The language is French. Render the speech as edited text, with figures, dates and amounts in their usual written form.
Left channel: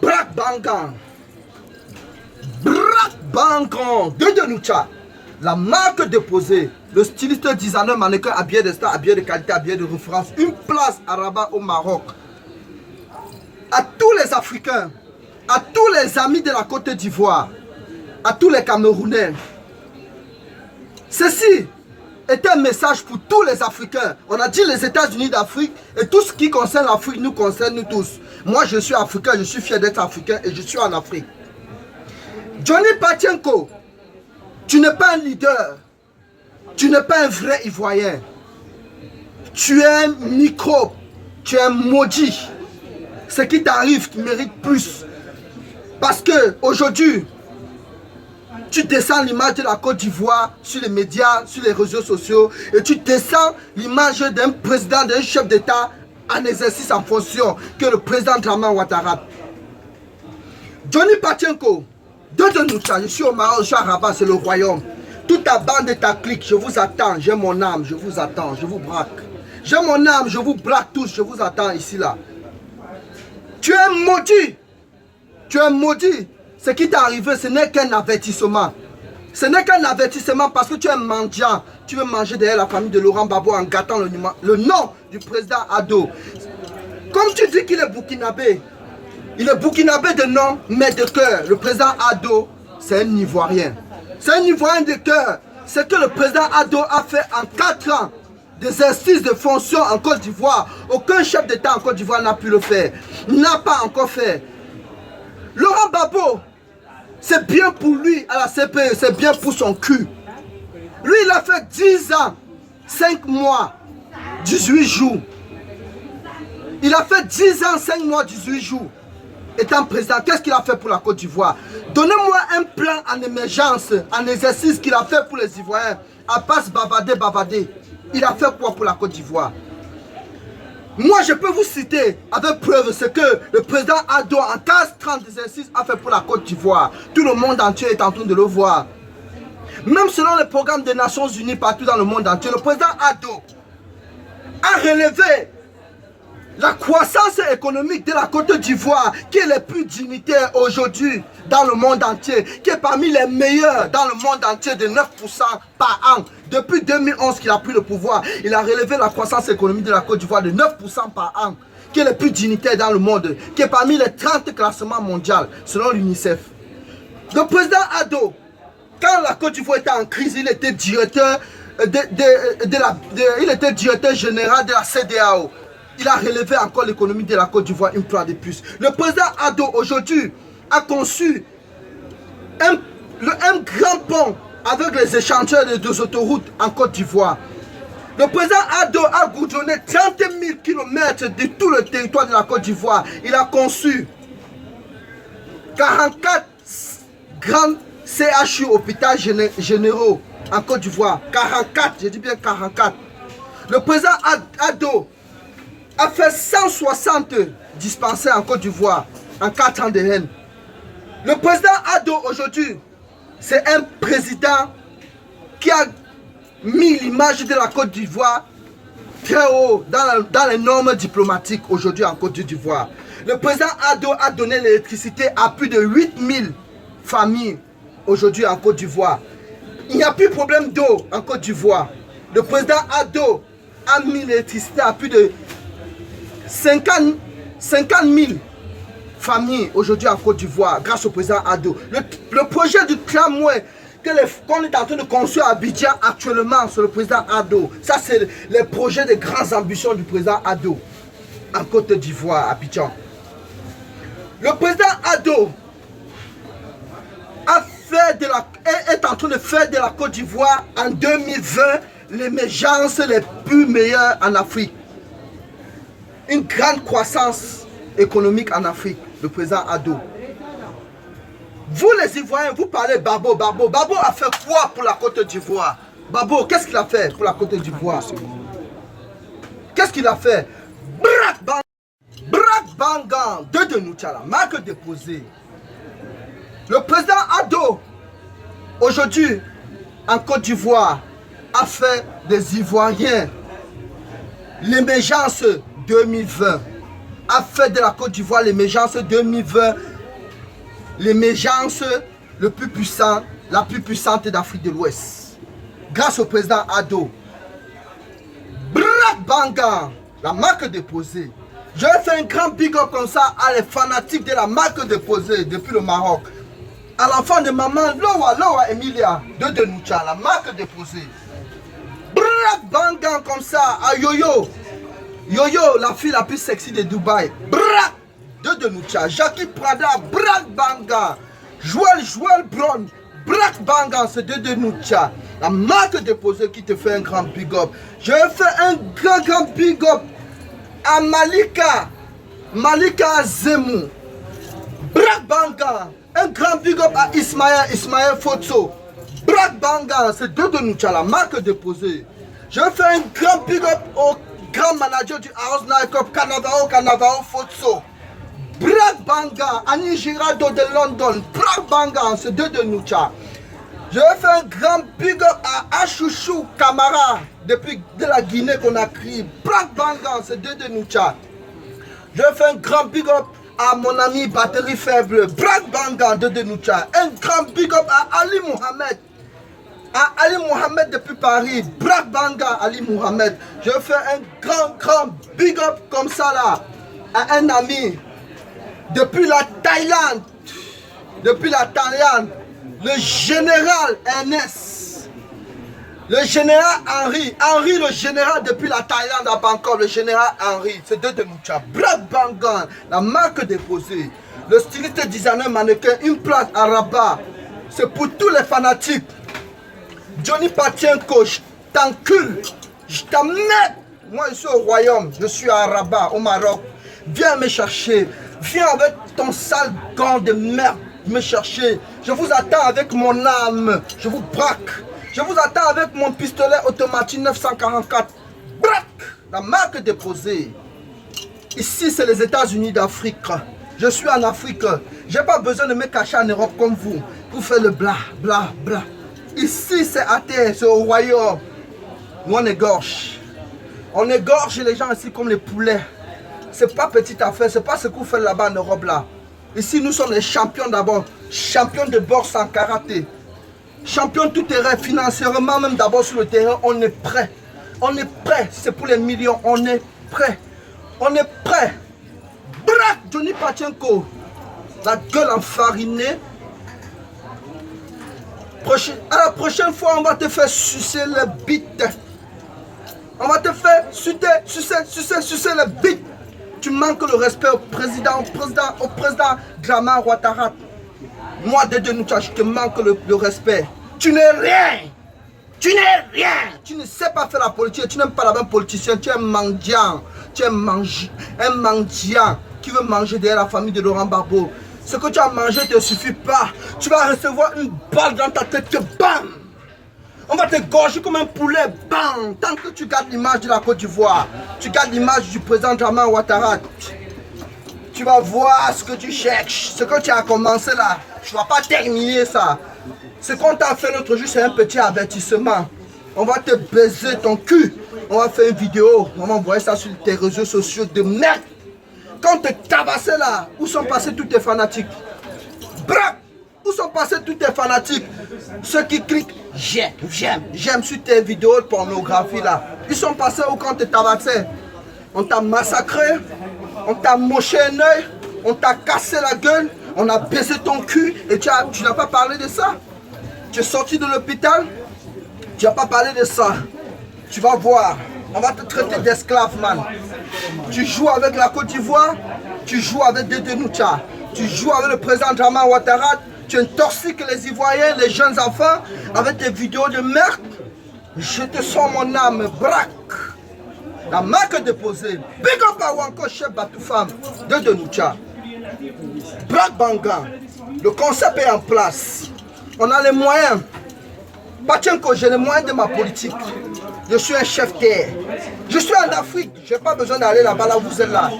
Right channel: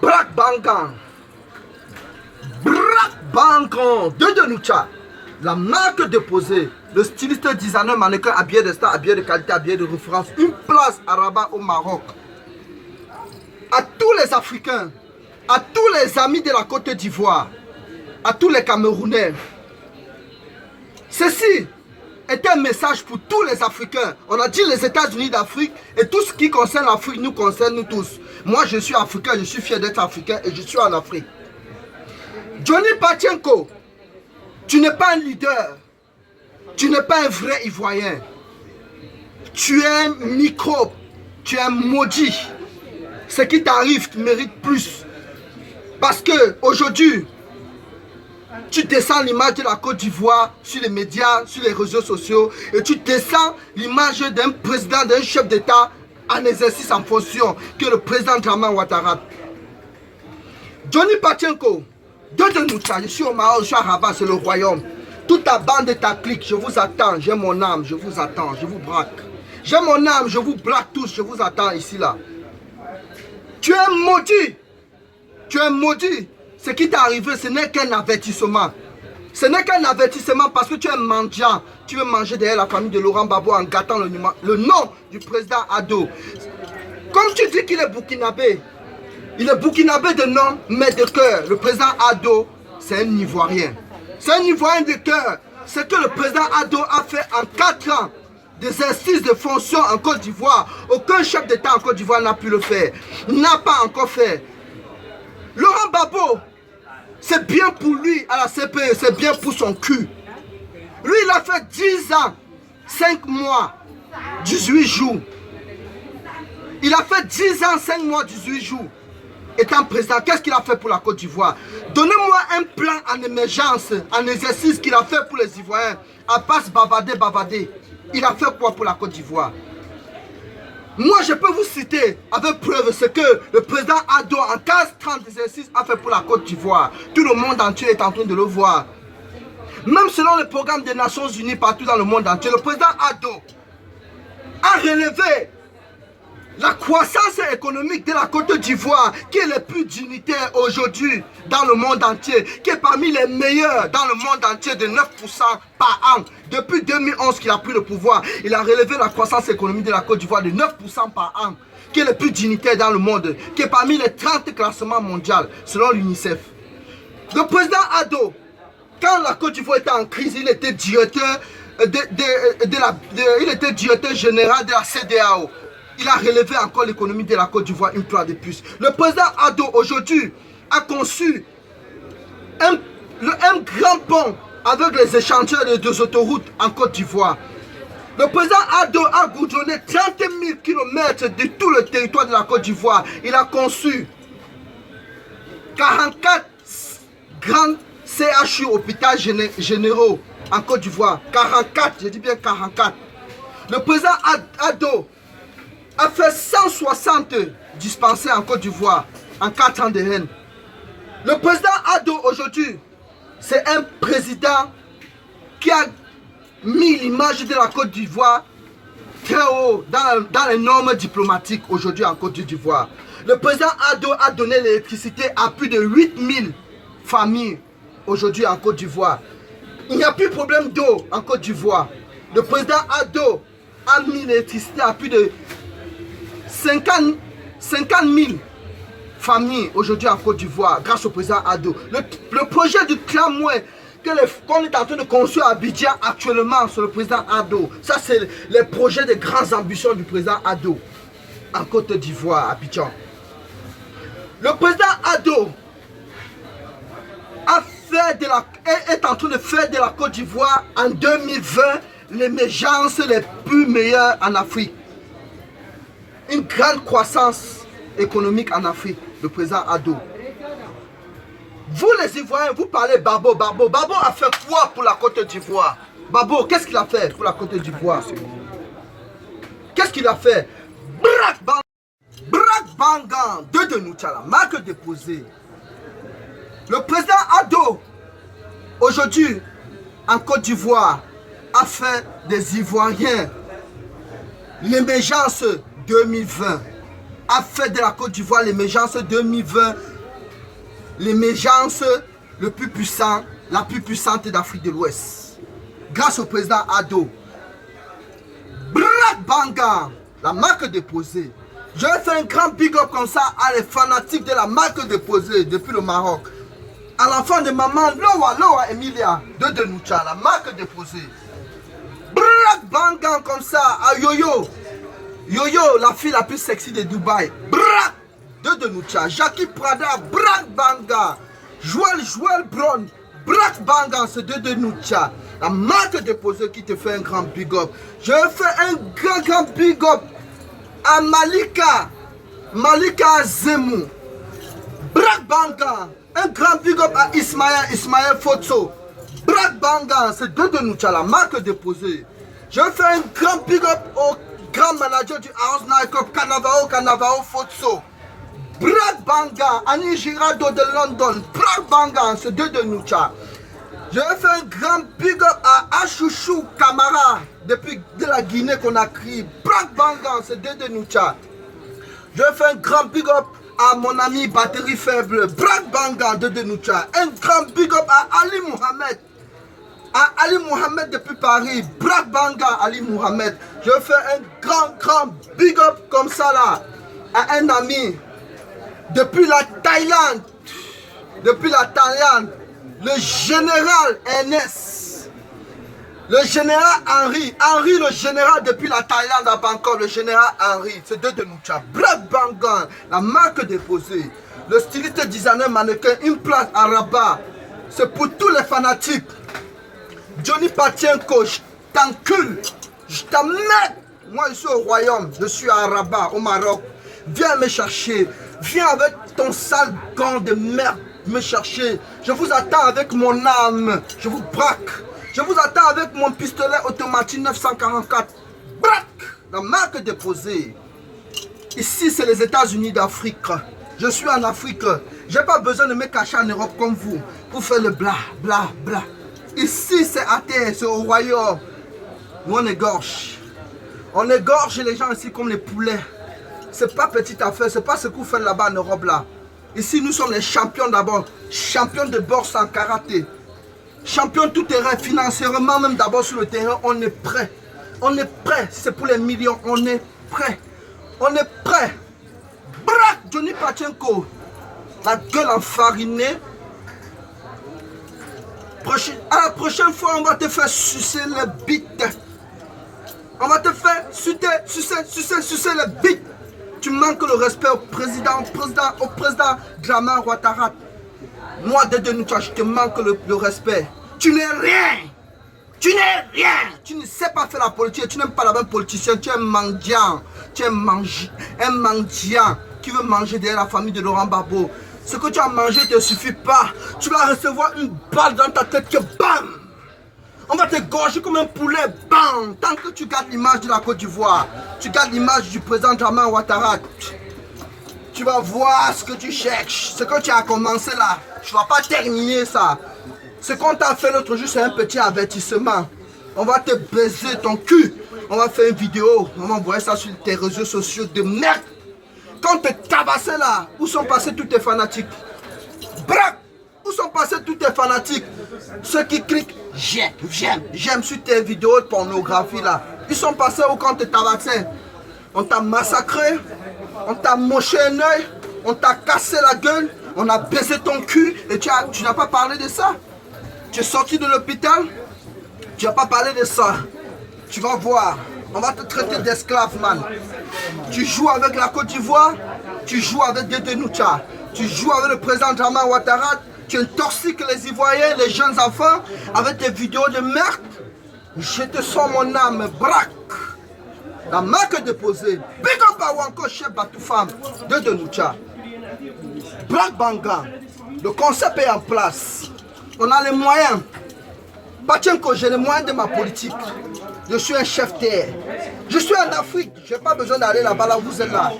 Brak Bangan. Brak Bangan. De Noucha. La marque déposée. Le styliste designer mannequin habillé de star, habillé de qualité, habillé de référence. Une place à Rabat au Maroc. À tous les Africains, à tous les amis de la Côte d'Ivoire, à tous les Camerounais. Ceci est un message pour tous les Africains. On a dit les États-Unis d'Afrique et tout ce qui concerne l'Afrique nous concerne nous tous. Moi je suis africain, je suis fier d'être africain et je suis en Afrique. Johnny Patienko, tu n'es pas un leader. Tu n'es pas un vrai Ivoirien. Tu es un microbe. Tu es un maudit. Ce qui t'arrive mérite plus. Parce que aujourd'hui, tu descends l'image de la Côte d'Ivoire sur les médias, sur les réseaux sociaux, et tu descends l'image d'un président, d'un chef d'État en exercice en fonction, que le président Draman Ouattara. Johnny Patienko, de Noucha, je suis au Maroc, je suis à Rabat, c'est le royaume. Toute ta bande et ta clique, je vous attends, j'ai mon âme, je vous attends, je vous braque. J'ai mon âme, je vous braque tous, je vous attends ici, là. Tu es maudit. Tu es maudit. Ce qui t'est arrivé, ce n'est qu'un avertissement. Ce n'est qu'un avertissement parce que tu es mendiant. Tu veux manger derrière la famille de Laurent Gbagbo en gâtant le nom du président Ado. Comme tu dis qu'il est burkinabé, il est burkinabé de nom, mais de cœur. Le président Ado, c'est un Ivoirien. C'est un Ivoirien de cœur. Ce que le président Ado a fait en 4 ans d'exercice de fonction en Côte d'Ivoire, aucun chef d'État en Côte d'Ivoire n'a pu le faire. N'a pas encore fait. Laurent Gbagbo, c'est bien pour lui à la CPE, c'est bien pour son cul. Lui, il a fait 10 ans, 5 mois, 18 jours. Il a fait 10 ans, 5 mois, 18 jours. Étant président, qu'est-ce qu'il a fait pour la Côte d'Ivoire? Donnez-moi un plan en émergence, en exercice qu'il a fait pour les Ivoiriens. À part bavader. Il a fait quoi pour la Côte d'Ivoire? Moi, je peux vous citer avec preuve ce que le président Ado en 15-30 exercices a fait pour la Côte d'Ivoire. Tout le monde entier est en train de le voir. Même selon les programmes des Nations Unies partout dans le monde entier, le président Ado a relevé la croissance économique de la Côte d'Ivoire, qui est la plus dignitaire aujourd'hui dans le monde entier, qui est parmi les meilleurs dans le monde entier de 9% par an. Depuis 2011 qu'il a pris le pouvoir, il a relevé la croissance économique de la Côte d'Ivoire de 9% par an, qui est le plus dignitaire dans le monde, qui est parmi les 30 classements mondiaux selon l'UNICEF. Le président Ado, quand la Côte d'Ivoire était en crise, il était directeur, il était directeur général de la CEDEAO. Il a relevé encore l'économie de la Côte d'Ivoire une fois de plus. Le président Ado aujourd'hui a conçu un grand pont avec les échangeurs des 2 autoroutes en Côte d'Ivoire. Le président Ado a goudronné 30 000 km de tout le territoire de la Côte d'Ivoire. Il a conçu 44 grands CHU, hôpitaux généraux en Côte d'Ivoire. 44, je dis bien 44. Le président Ado a fait 160 dispensaires en Côte d'Ivoire en 4 ans de règne. Le président Ado aujourd'hui, c'est un président qui a mis l'image de la Côte d'Ivoire très haut dans les normes diplomatiques aujourd'hui en Côte d'Ivoire. Le président Ado a donné l'électricité à plus de 8000 familles aujourd'hui en Côte d'Ivoire. Il n'y a plus de problème d'eau en Côte d'Ivoire. Le président Ado a mis l'électricité à plus de 50 000 familles aujourd'hui en Côte d'Ivoire grâce au président Ado. Le projet du tramway qu'on est en train de construire à Abidjan actuellement sur le président Ado. Ça, c'est les projets de grandes ambitions du président Ado en Côte d'Ivoire, à Abidjan. Le président Ado est en train de faire de la Côte d'Ivoire en 2020 l'émergence les plus meilleures en Afrique. Une grande croissance économique en Afrique, le président Ado. Vous les Ivoiriens, vous parlez Babo. Babo a fait quoi pour la Côte d'Ivoire? Babo, qu'est-ce qu'il a fait pour la Côte d'Ivoire? Qu'est-ce qu'il a fait? Brak Bangan, de Noucha, marque déposée. Le président Ado, aujourd'hui, en Côte d'Ivoire, a fait des Ivoiriens l'émergence 2020. a fait de la Côte d'Ivoire l'émergence 2020, l'émergence le plus puissant, la plus puissante d'Afrique de l'Ouest. Grâce au président Ado. Black Banga, la marque déposée. Je vais faire un grand big up comme ça à les fanatiques de la marque déposée depuis le Maroc. À l'enfant de maman Loa Emilia de Denoucha, la marque déposée. Black Banga comme ça à Yoyo. Yoyo, la fille la plus sexy de Dubaï. Black de Denoucha. Jackie Prada, Black Banga. Joël Brown, Black Banga, c'est de Denoucha. La marque déposée qui te fait un grand big up. Je vais faire un grand big up à Malika Zemou. Black Banga. Un grand big up à Ismaël Fotso. Black Banga, c'est de Denoucha, la marque déposée. Je vais faire un grand big up au grand manager du House Night Club, Canavao Fotso. Black Banga, Annie Girardo de London. Black Banga, c'est de Denoucha. Je vais faire un grand big up à Achouchou Camara, depuis de la Guinée qu'on a crié. Black Banga, c'est de Denoucha. Je vais faire un grand big up à mon ami Batterie Faible, Black Banga de Denoucha. Un grand big up à Ali Mohamed. À Ali Mohamed depuis Paris, Black Banga, Ali Mohamed. Je vais faire un grand big up comme ça là à un ami depuis la Thaïlande, le général Ernest, le général Henri, le général depuis la Thaïlande à Bangkok, le général Henri, c'est de Denoucha. Black Banga, la marque déposée, le styliste designer mannequin, une place à Rabat, c'est pour tous les fanatiques. Johnny Patienko, je t'encule, je t'emmène. Moi je suis au royaume, je suis à Rabat, au Maroc. Viens me chercher, viens avec ton sale gant de merde me chercher. Je vous attends avec mon âme, je vous braque. Je vous attends avec mon pistolet automatique 944. Braque, la marque déposée. Ici c'est les États-Unis d'Afrique. Je suis en Afrique. J'ai pas besoin de me cacher en Europe comme vous. Pour faire le bla. Ici c'est à terre, c'est au royaume. Nous on égorge. On égorge les gens ici comme les poulets. C'est pas petite affaire, c'est pas ce que vous faites là-bas en Europe là. Ici nous sommes les champions d'abord. Champions de boxe en karaté. Champions tout terrain, financièrement même d'abord sur le terrain, on est prêt. On est prêt, c'est pour les millions, on est prêt. On est prêt. Braque Johnny Patienko. La gueule enfarinée. À la prochaine fois, on va te faire sucer le bite. On va te faire sucer le bite. Tu manques le respect au président Dramane Ouattara. Moi, de Denoucha, je te manque le respect. Tu n'es rien. Tu n'es rien. Tu ne sais pas faire la politique. Tu n'aimes pas la même politicien. Tu es un mendiant. Tu es un mendiant qui veut manger derrière la famille de Laurent Gbagbo. Ce que tu as mangé ne te suffit pas. Tu vas recevoir une balle dans ta tête. Bam! On va te gorger comme un poulet. Bam! Tant que tu gardes l'image de la Côte d'Ivoire, tu gardes l'image du président Dramane Ouattara, tu vas voir ce que tu cherches. Ce que tu as commencé là, tu ne vas pas terminer ça. Ce qu'on t'a fait l'autre jour, c'est un petit avertissement. On va te baiser ton cul. On va faire une vidéo. On va envoyer ça sur tes réseaux sociaux de merde. Quand on te tabassé là, où sont passés tous tes fanatiques? Bref, où sont passés tous tes fanatiques? Ceux qui cliquent j'aime sur tes vidéos de pornographie là. Ils sont passés où quand on te tabassé? On t'a massacré, on t'a moché un œil, on t'a cassé la gueule, on a baisé ton cul et tu n'as pas parlé de ça. Tu es sorti de l'hôpital, tu n'as pas parlé de ça. Tu vas voir. On va te traiter d'esclave, man. Tu joues avec la Côte d'Ivoire, tu joues avec des Denoucha, tu joues avec le président Dramane Ouattara, tu intoxiques les Ivoiriens, les jeunes enfants, avec des vidéos de merde. Je te sens mon âme, braque. La marque déposée, Big up à Wanko Chef Batoufam de Denoucha. Black Banga, le concept est en place. On a les moyens. Patienko, j'ai les moyens de ma politique. Je suis un chef terre. Je suis en Afrique. Je n'ai pas besoin d'aller là-bas, là où vous êtes là.